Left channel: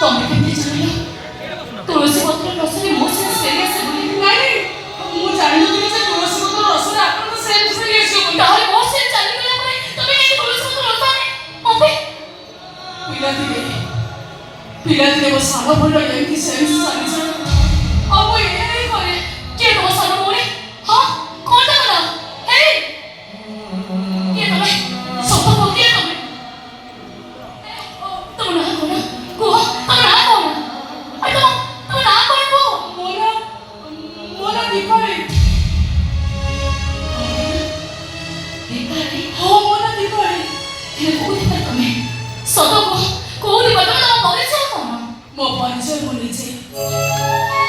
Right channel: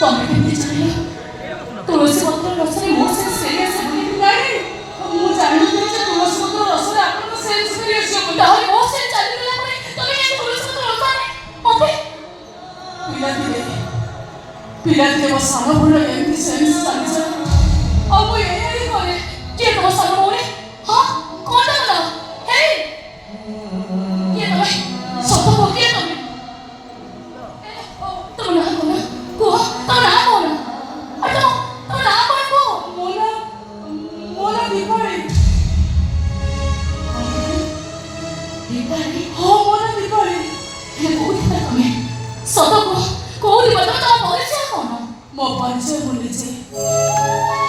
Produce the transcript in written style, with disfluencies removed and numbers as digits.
ତମେ କେମିତି ଜାଣିଲ? ତୁଳସୀ ପତ୍ର ରସରେ ମୋ ସହିତ ସିରିୟସ୍ ବୋଲି? ନାଇଁ, ମୁଁ ଜାଣିନଥିଲି ଯେ ତୁଳସୀ ପତ୍ର ରସରେ ଆପଣଙ୍କ ସେନ୍ସ ସିରିୟସ୍ ହେବ। ତାହେଲେ ମୋ ସେନ୍ସ ଚାଲିଗଲା ପରେ ତମେ କାହିଁକି ତୁଳସୀ ପତ୍ର ରସରେ ଅପେ? ପିଲାଦିନେ ମୋ ସାନ ଭଉଣୀର ଏମିତି ସେନ୍ସ ଚାଲିଯାଏ। ଆଉ ମୁଁ ଏଇ କରେ। କିଏ ତମ ସାନ ଭଉଣୀ? ହଁ, କଣଟା କଲ? ହେଇ, କିଏ ତମେ? ସତ କୁହ, କିଏ ତମେ? ତମ ନାଁ କଣ? କୁହ, ତମ ନାଁ କଣ? ତମ ନାଁ କଣ କୁହ? ମୋ ନାଁ ଦୀପାଳି। ଦୀପାଳି? ହଁ, ମୋ ନାଁ ଦୀପାଳି। ହେଲେ କୋଉଠି ବା ତମେ? ସତ କୁହ, କୋଉଠି ବା ତମେ? ତମ ପରିଚୟ କଣ? ମୋ ପରିଚୟ ଭୁଲିଛି।